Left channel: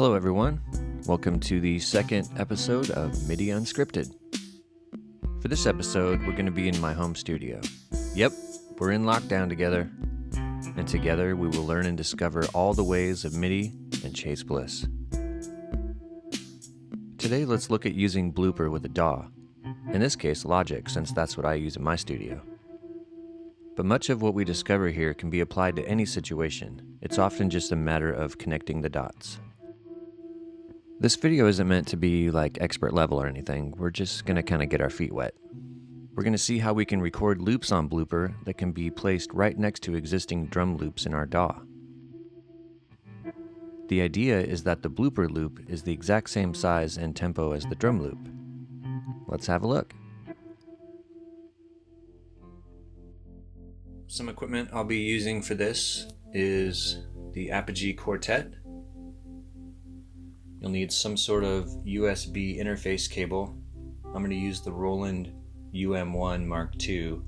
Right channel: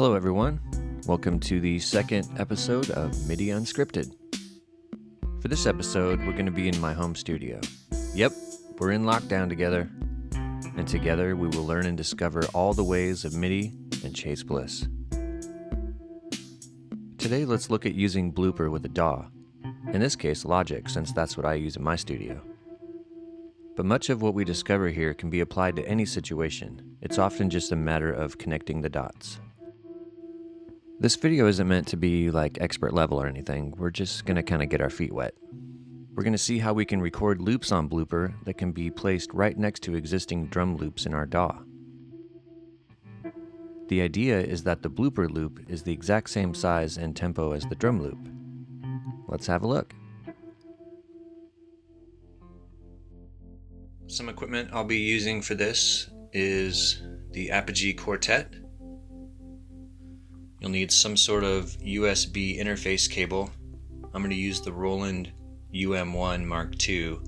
Hello everyone, welcome to the second episode of MIDI Unscripted. For this episode, we're going to be in my home studio. Yep, we're in lockdown together, and together we will learn and discover all the ways of MIDI and chase Bliss. Today let's look at using Blooper with a DAW, in this case Logic, since that's what I use in my studio. But much of what we discover here can be applied to any situation. It's often just a matter of connecting the dots. This video isn't meant to be like expert level or anything. We're just going to kind of get our feet wet. We're going to see how we can record loops on Blooper that can be placed right next to existing drum loops in our DAW. The idea is that the Blooper loop is the exact same size and tempo as the drum loop. Let's have a look. Some equipment I'll be using for this is the Apogee Quartet. You'll need some sort of USB interface cable. I'm going to use the Roland UM1 Mark II.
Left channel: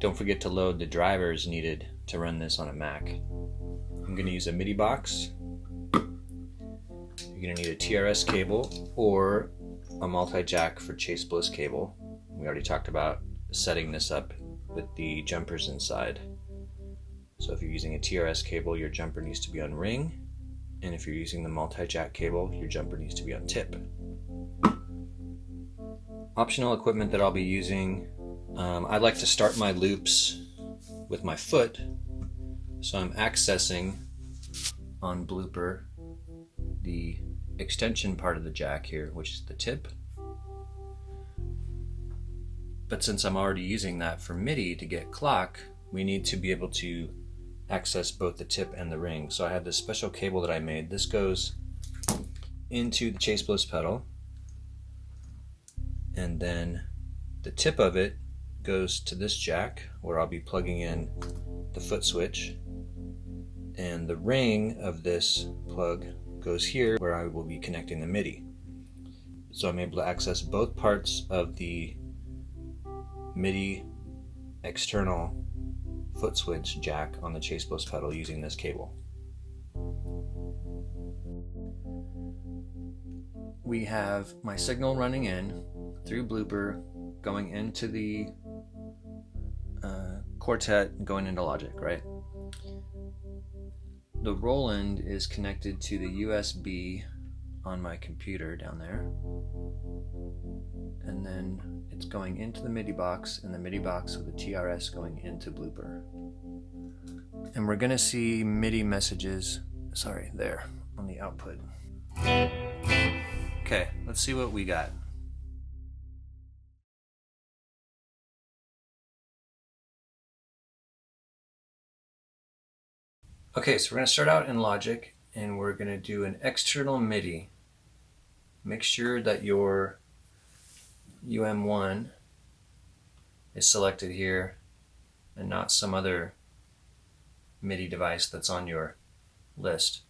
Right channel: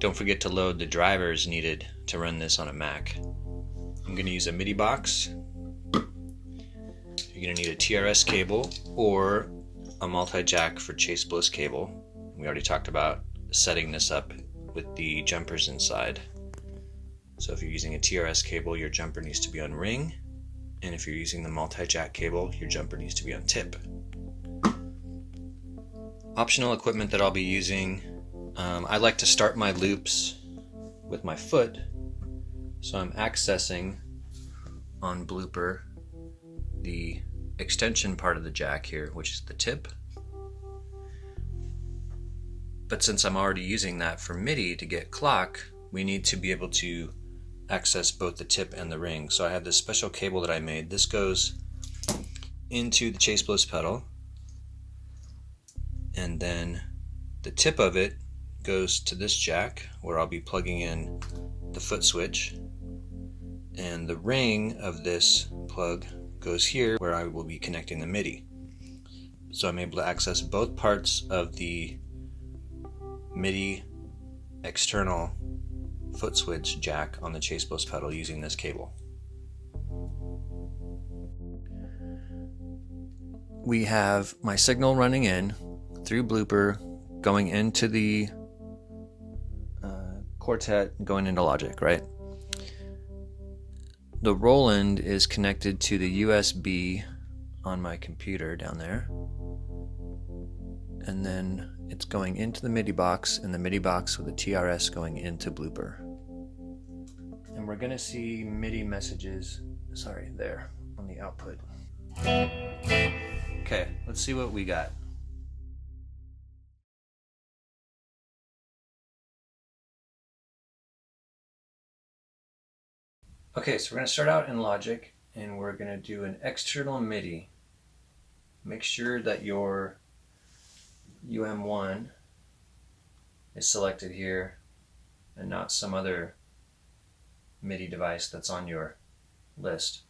Don't forget to load the drivers needed to run this on a Mac. I'm going to use a MIDI box. You're going to need a TRS cable or a multi-jack for Chase Bliss cable. We already talked about setting this up with the jumpers inside. So if you're using a TRS cable, your jumper needs to be on ring. And if you're using the multi-jack cable, your jumper needs to be on tip. Optional equipment that I'll be using, I like to start my loops with my foot. So I'm accessing on Blooper the extension part of the jack here, which is the tip. But since I'm already using that for MIDI to get clock, we need to be able to access both the tip and the ring. So I have this special cable that I made. This goes into the Chase Bliss pedal, and then the tip of it goes to this jack where I'll be plugging in the foot switch, and the ring of this plug goes here where I will be connecting the MIDI. So I'm able to access both parts of the MIDI external foot switch jack on the Chase Bliss pedal using this cable. We have my signal running in through Blooper, going into the Quartet, going into Logic, right? The Roland is connected to the USB on my computer down there, and then it's going into the MIDI box, and the MIDI box with the TRS going into Blooper. And we're gonna see MIDI messages, there on the output. Okay, let's see what we got. Okay, so we're gonna start out in Logic, and we're gonna do an external MIDI. Make sure that your UM1 is selected here and not some other MIDI device that's on your list.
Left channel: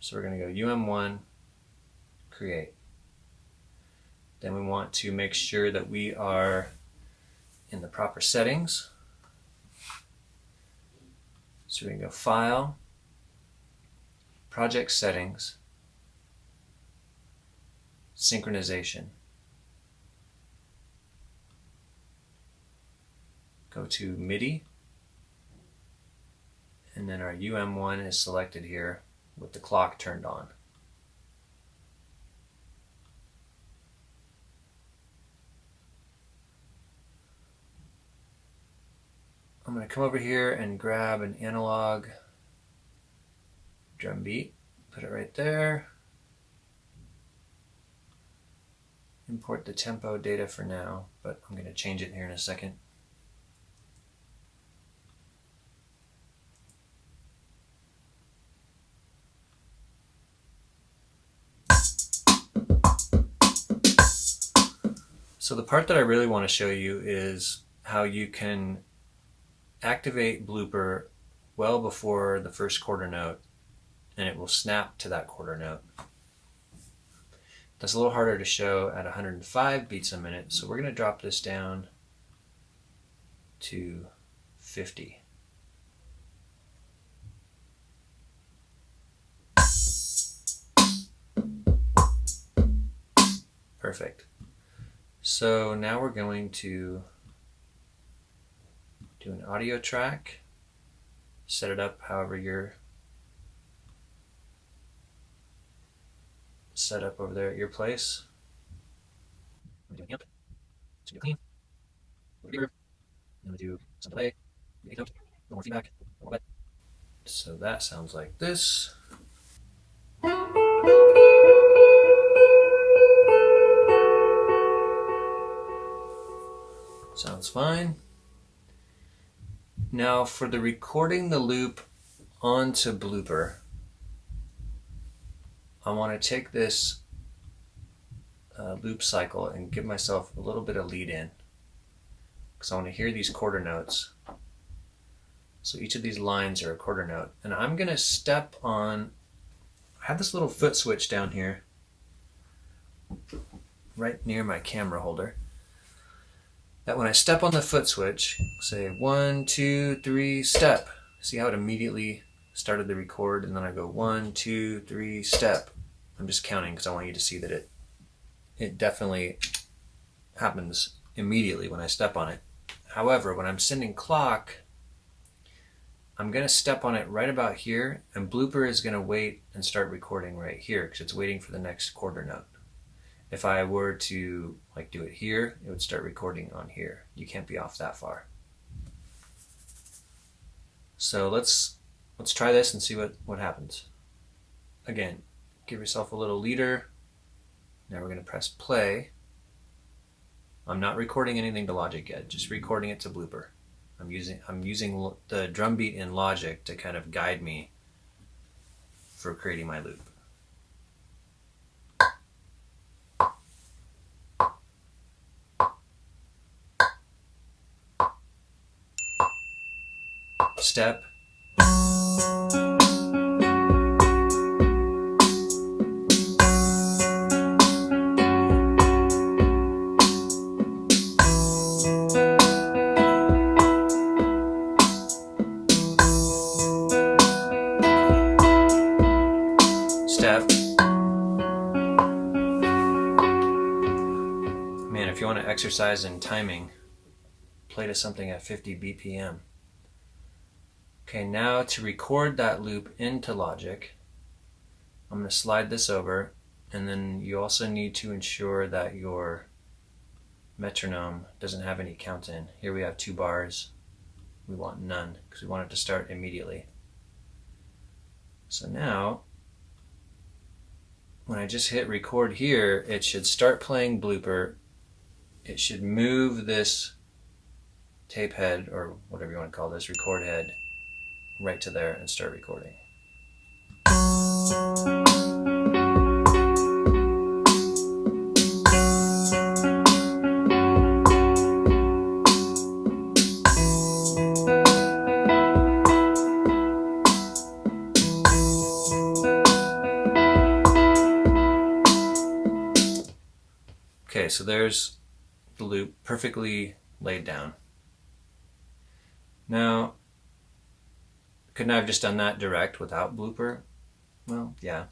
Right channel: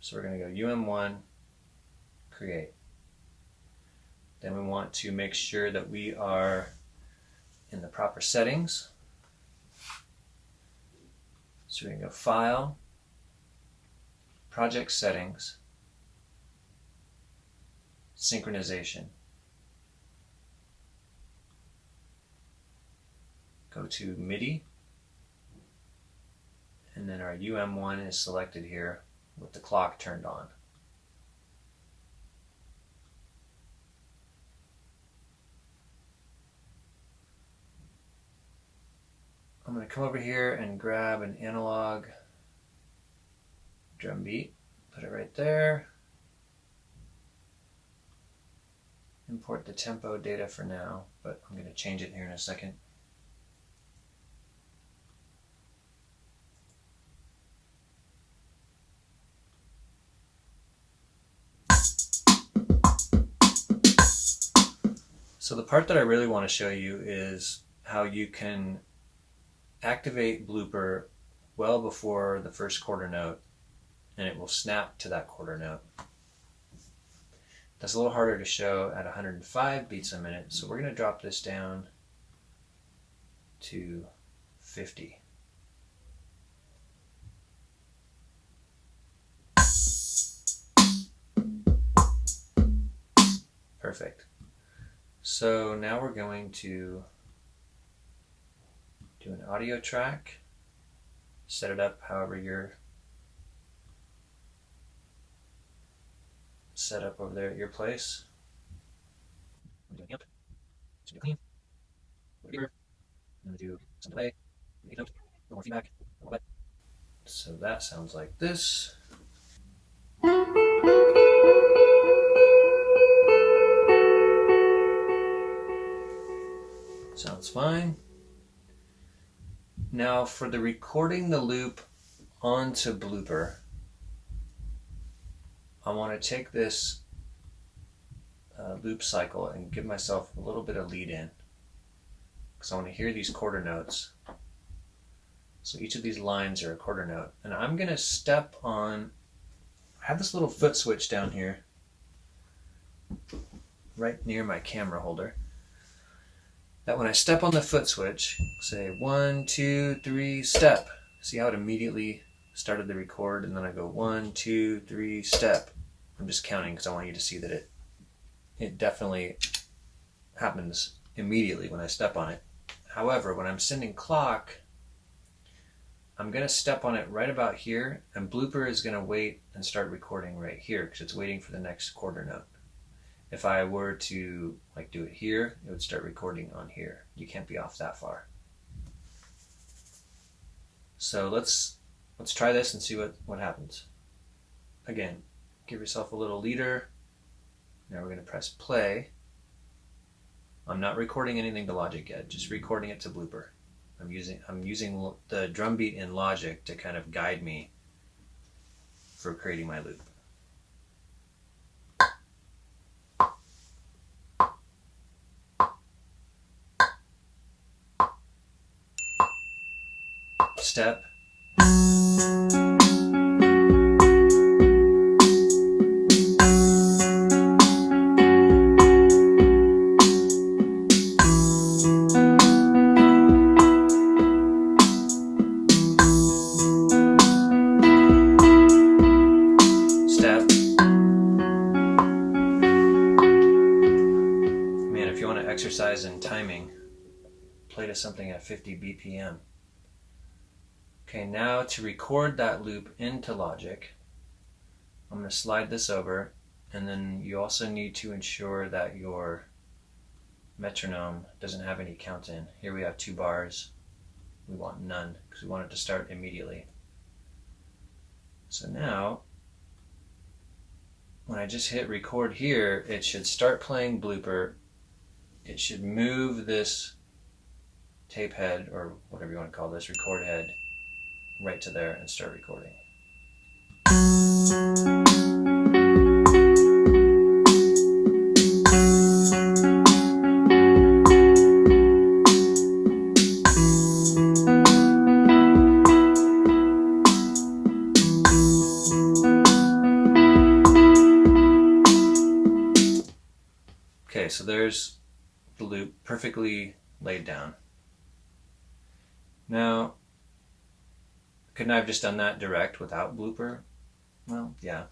So we're going to go UM1, create. Then we want to make sure that we are in the proper settings. So we're going to go File, Project Settings, Synchronization. Go to MIDI, and then our UM1 is selected here with the clock turned on. I'm going to come over here and grab an analog drum beat, put it right there. Import the tempo data for now, but I'm going to change it here in a second. So the part that I really want to show you is how you can activate Blooper well before the first quarter note, and it will snap to that quarter note. That's a little harder to show at 105 beats a minute, so we're going to drop this down to 50. Perfect. So now we're going to do an audio track, set it up however you're set up over there at your place. I'm doing amp, it's gonna be clean, a little reverb, I'm gonna do some delay, a little more feedback, a little bit. So that sounds like this. Sounds fine. Now for the recording the loop onto Blooper, I want to take this loop cycle and give myself a little bit of lead in, because I want to hear these quarter notes. So each of these lines are a quarter note, and I'm going to step on, I have this little foot switch down here right near my camera holder, that when I step on the foot switch, say 1, 2, 3, step. See how it immediately started the record, and then I go 1, 2, 3, step. I'm just counting because I want you to see that it definitely happens immediately when I step on it. However, when I'm sending clock, I'm going to step on it right about here, and Blooper is going to wait and start recording right here because it's waiting for the next quarter note. If I were to like do it here, it would start recording on here. You can't be off that far. So let's try this and see what happens. Again, give yourself a little leader. Now we're going to press play. I'm not recording anything to Logic yet, just recording it to Blooper. I'm using the drum beat in Logic to kind of guide me for creating my loop. Step. Step. Man, if you want to exercise in timing, play to something at 50 BPM. Okay, now to record that loop into Logic, I'm going to slide this over, and then you also need to ensure that your metronome doesn't have any count in. Here we have 2 bars. We want none because we want it to start immediately. So now, when I just hit record here, it should start playing Blooper. It should move this tape head, or whatever you want to call this, record head, right to there and start recording. Okay, so there's the loop perfectly laid down. Now, couldn't I have just done that direct without Blooper? Well, yeah.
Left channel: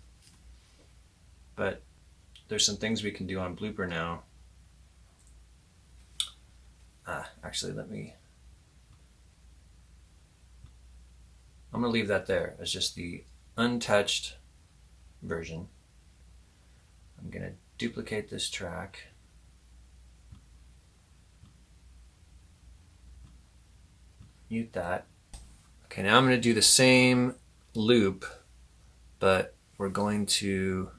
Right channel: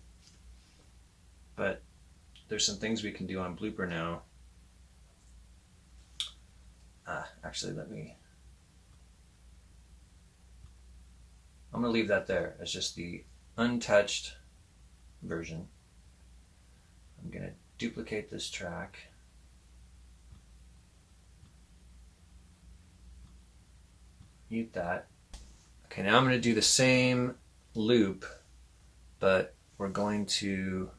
But there's some things we can do on Blooper now. Actually, I'm going to leave that there as just the untouched version. I'm going to duplicate this track. Mute that. Okay, now I'm going to do the same loop, but we're going to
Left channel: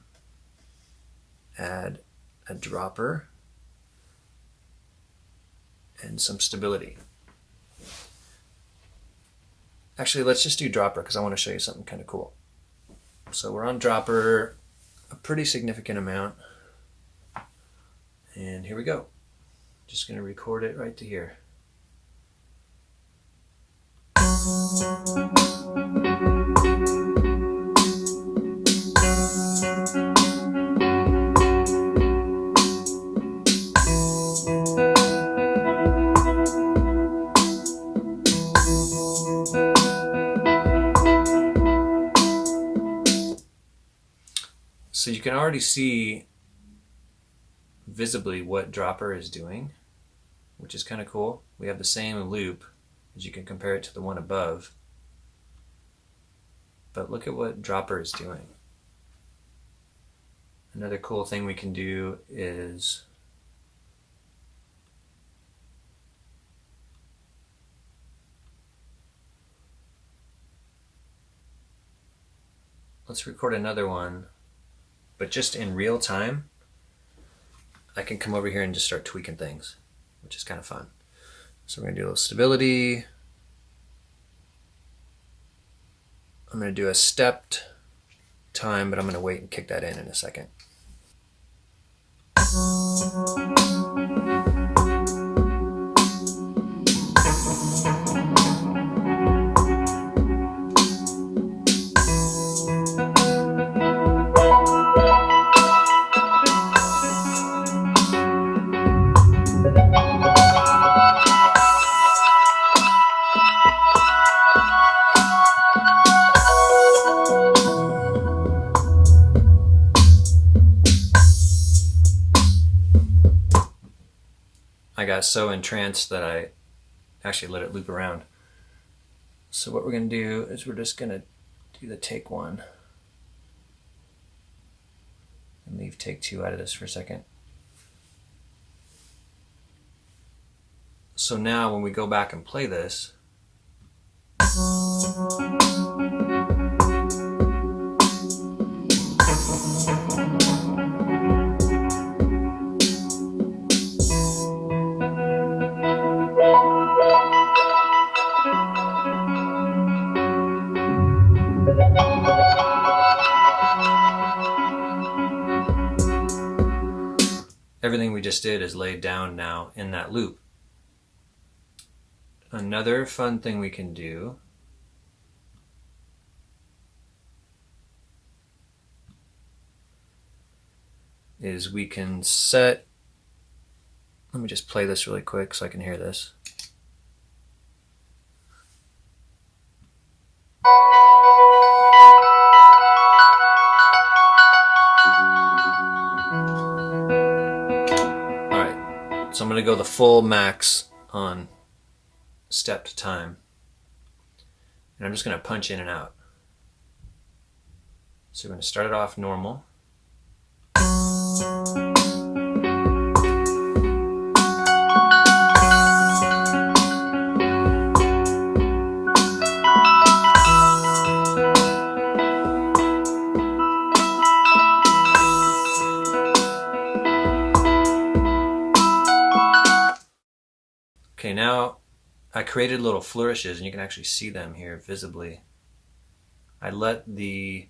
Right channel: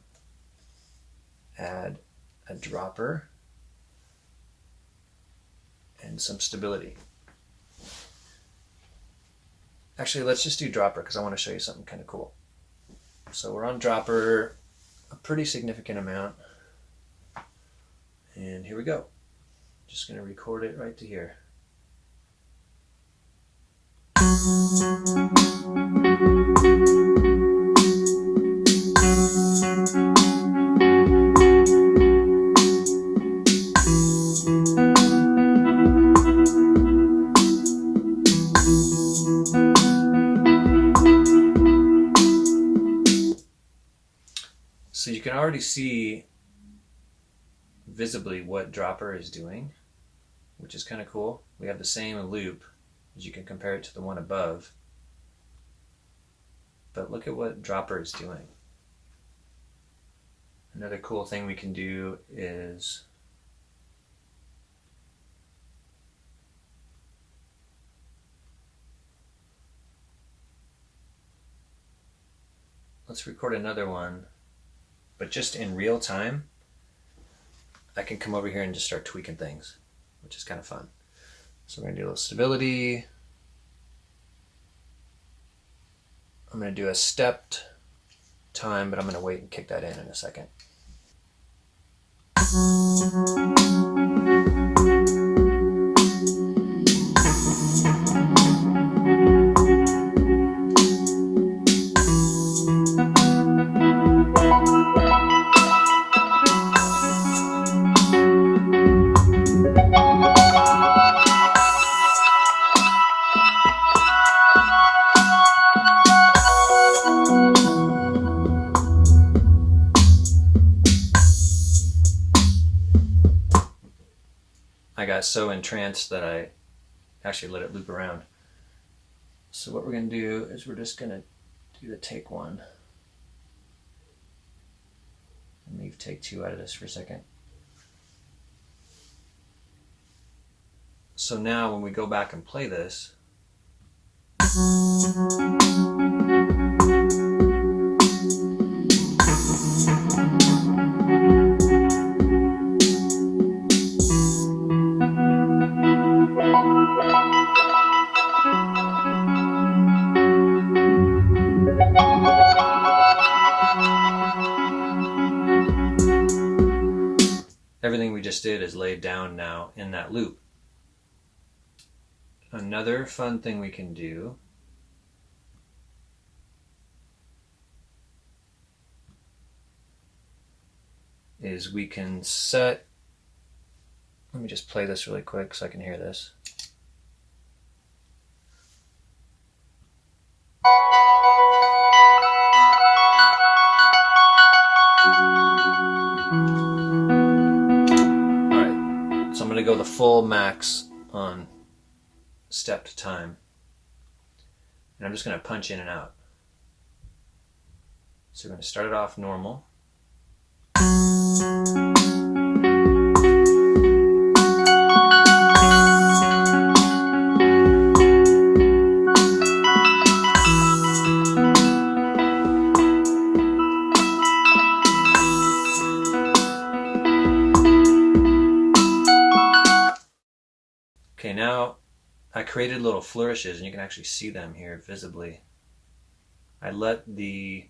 add a dropper and some stability. Actually, let's just do dropper because I want to show you something kind of cool. So we're on dropper a pretty significant amount. And here we go. Just going to record it right to here. So you can already see visibly what Dropper is doing, which is kind of cool. We have the same loop, as you can compare it to the one above. But look at what Dropper is doing. Another cool thing we can do is let's record another one, but just in real time. I can come over here and just start tweaking things, which is kind of fun. So we're gonna do a little stability. I'm gonna do a stepped time, but I'm gonna wait and kick that in a second. I got so entranced that I actually let it loop around. So what we're going to do is we're just going to do the take one and leave take two out of this for a second. So now when we go back and play this, everything we just did is laid down now in that loop. Another fun thing we can do is we can set, let me just play this really quick so I can hear this. So I'm going to go the full max on stepped time. And I'm just going to punch in and out. So we're going to start it off normal. Okay, now I created little flourishes, and you can actually see them here visibly. I let the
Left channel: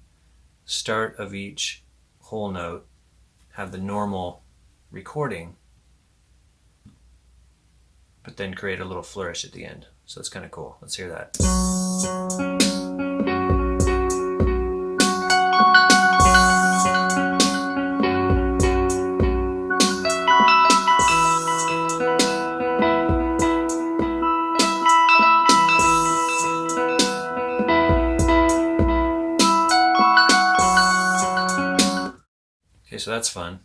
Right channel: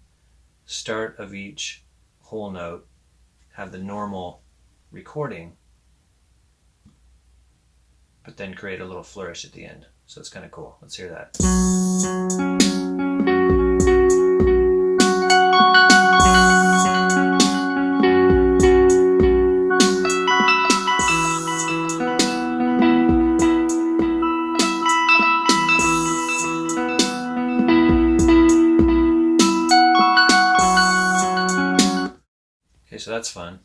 start of each whole note have the normal recording, but then create a little flourish at the end. So it's kind of cool. Let's hear that. Okay, so that's fun.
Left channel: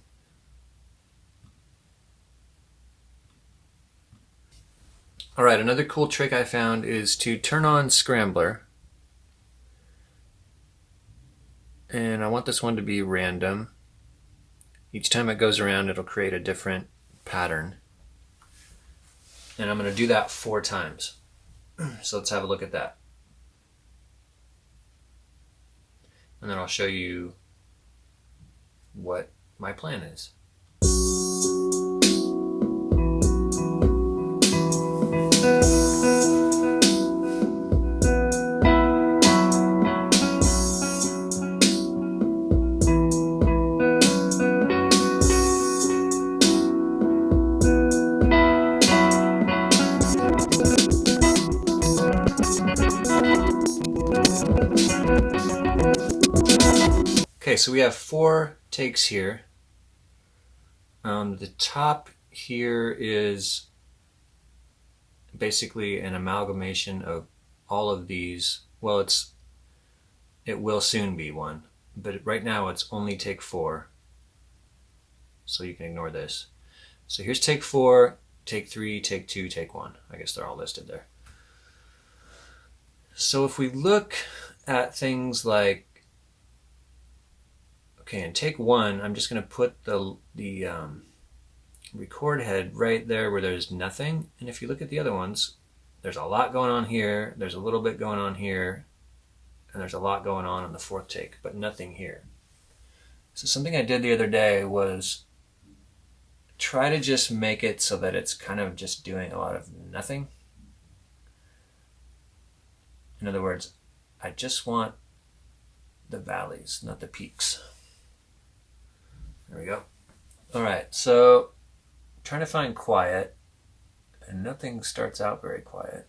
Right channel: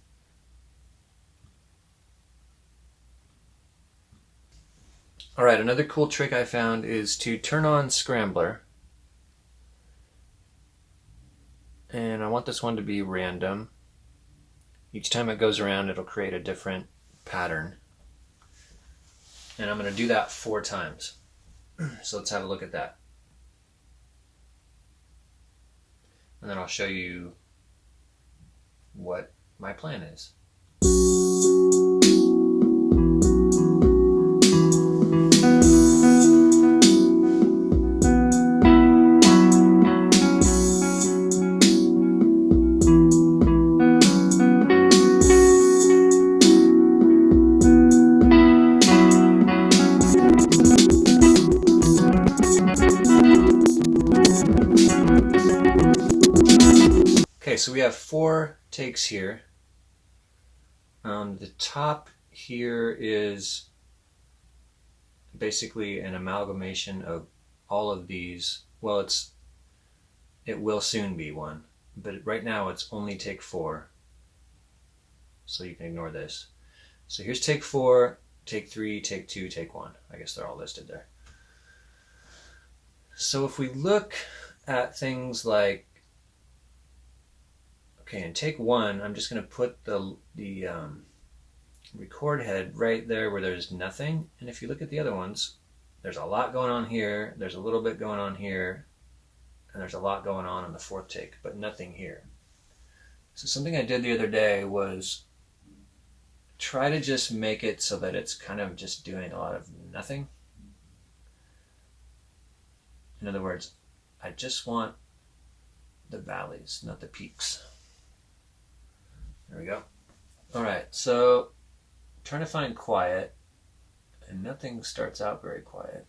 All right, another cool trick I found is to turn on SCRAMBLER. And I want this one to be random. Each time it goes around, it'll create a different pattern. And I'm going to do that 4 times. So let's have a look at that. And then I'll show you what my plan is. Okay, so we have 4 takes here. The top here is basically an amalgamation of all of these. Well, it will soon be one, but right now it's only take 4, so you can ignore this. So here's take 4, take 3, take 2, take 1. I guess they're all listed there. So if we look at things like, okay, in take 1, I'm just going to put the record head right there where there's nothing. And if you look at the other ones, there's a lot going on here, there's a little bit going on here, and there's a lot going on the 4th take, but nothing here. So something I did the other day was try to just make it so that it's kind of just doing a lot of nothing. In other words, I just want the valleys, not the peaks. There we go. All right, so I'm trying to find quiet, and nothing starts out very quiet.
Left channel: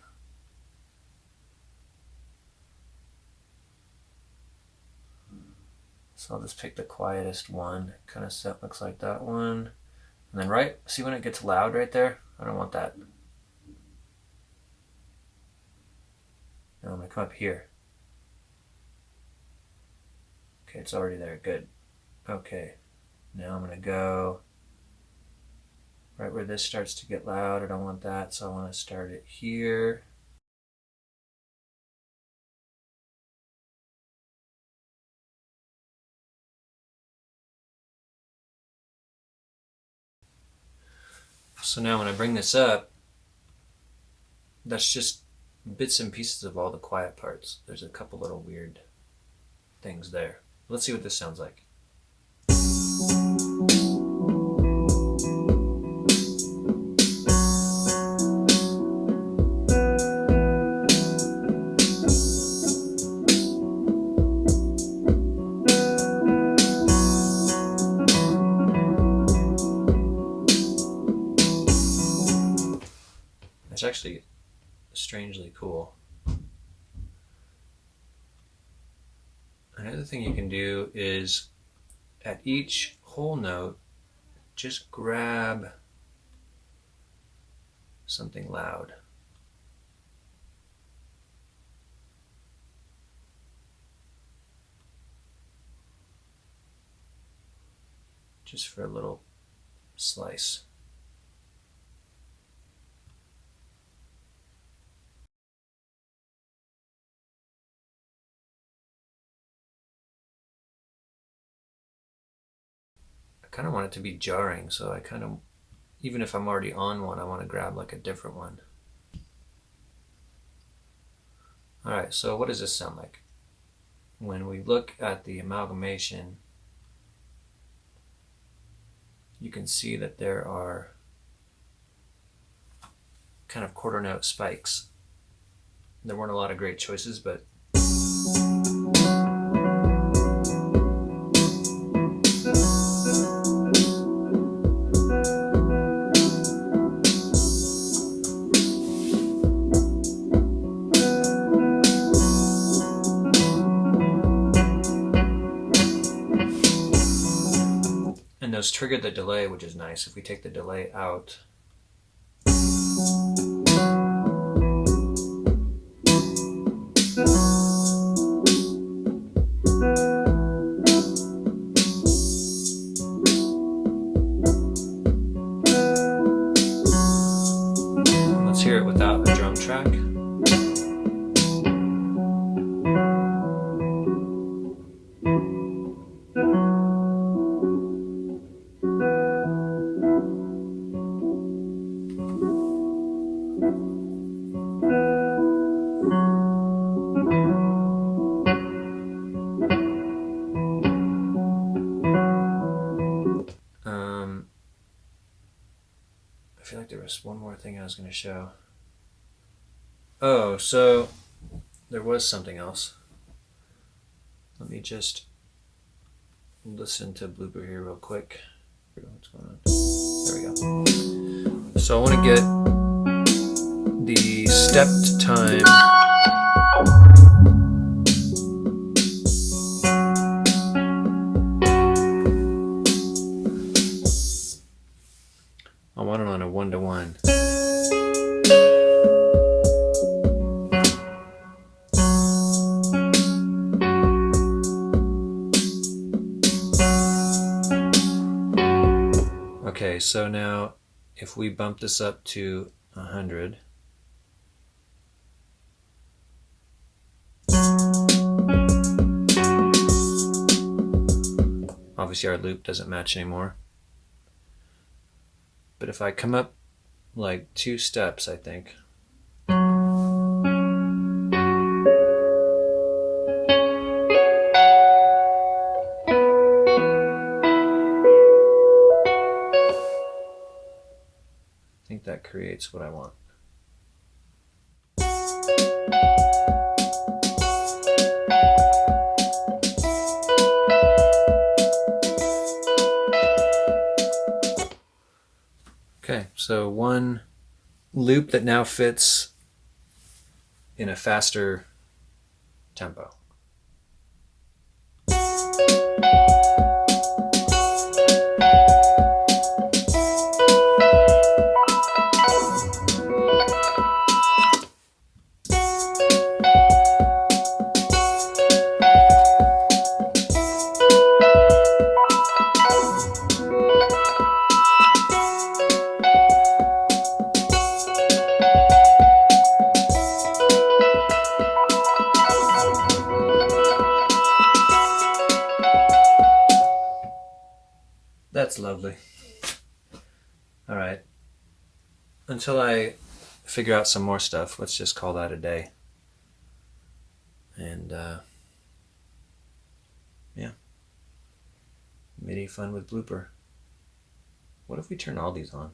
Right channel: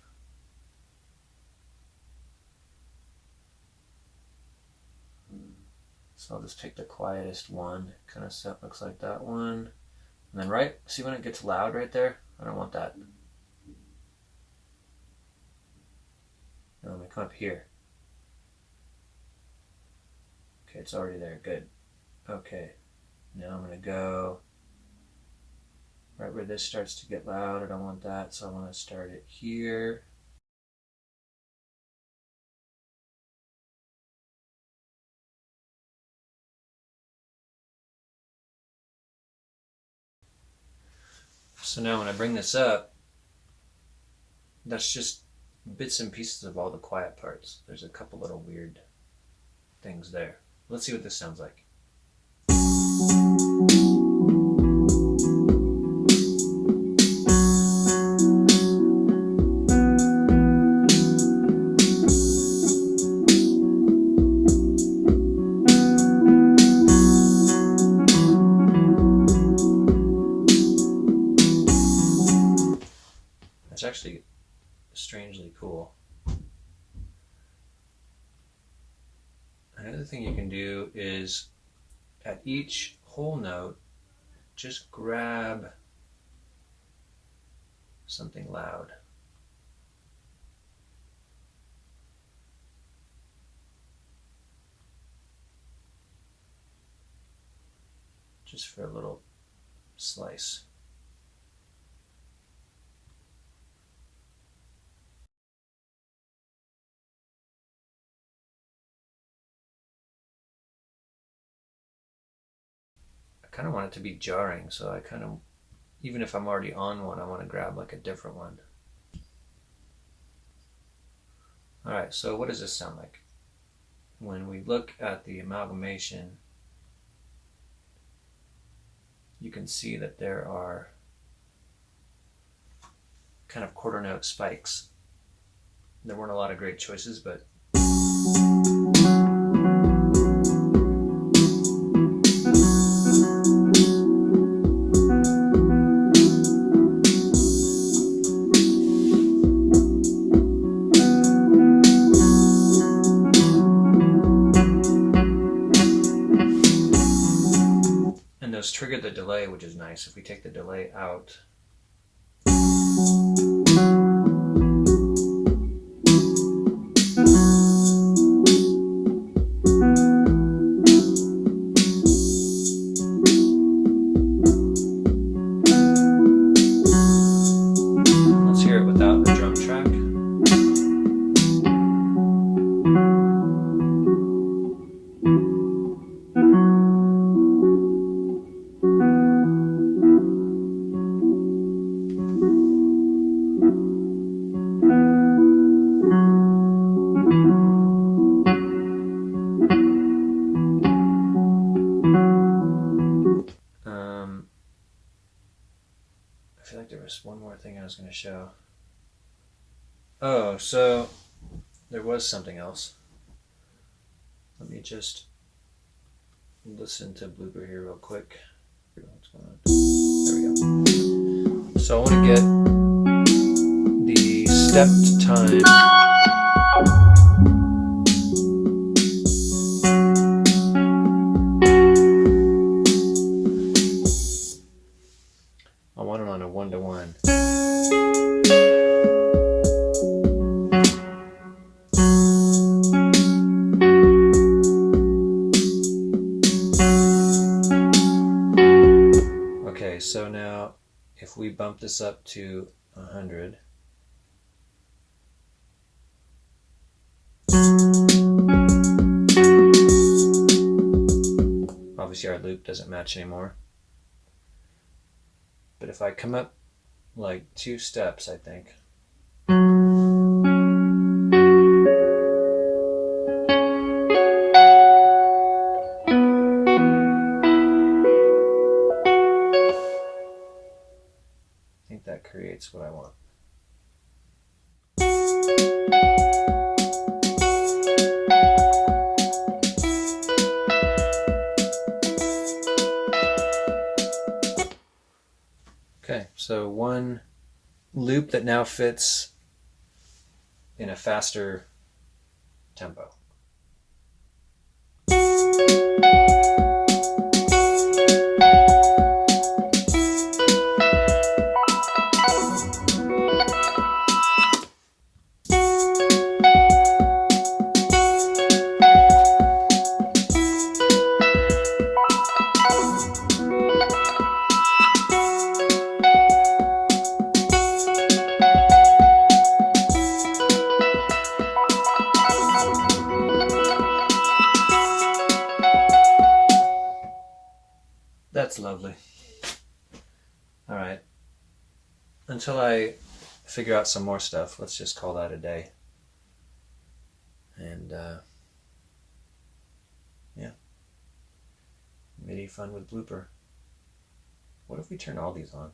So I'll just pick the quietest one. Kind of looks like that one. And then right, see when it gets loud right there? I don't want that. Now I'm going to come up here. Okay, it's already there, good. Okay, now I'm going to go right where this starts to get loud. I don't want that, so I want to start it here. So now when I bring this up, that's just bits and pieces of all the quiet parts. There's a couple little weird things there. Let's see what this sounds like. It's actually strangely cool. Another thing you can do is at each whole note, just grab something loud. Just for a little slice. I kind of want it to be jarring, so I kind of, even if I'm already on one, I want to grab like a different one. All right, so what does this sound like? When we look at the amalgamation, you can see that there are kind of quarter note spikes. There weren't a lot of great choices, but triggered the delay, which is nice. If we take the delay out, let's hear it without the drum track. I feel like there was one more thing I was going to show. Oh, so there was something else. Let me just listen to Blooper here real quick. What's going on? There we go. So I want to get the stepped time. I want it on a 1-to-1. Okay, so now we bump this up to 100. Obviously our loop doesn't match anymore. But if I come up like 2 steps, I think. I think that creates what I want. Okay, so one loop that now fits in a faster tempo. That's lovely. All right. Until I figure out some more stuff, let's just call that a day. And yeah. MIDI fun with Blooper. What if we turn all these on?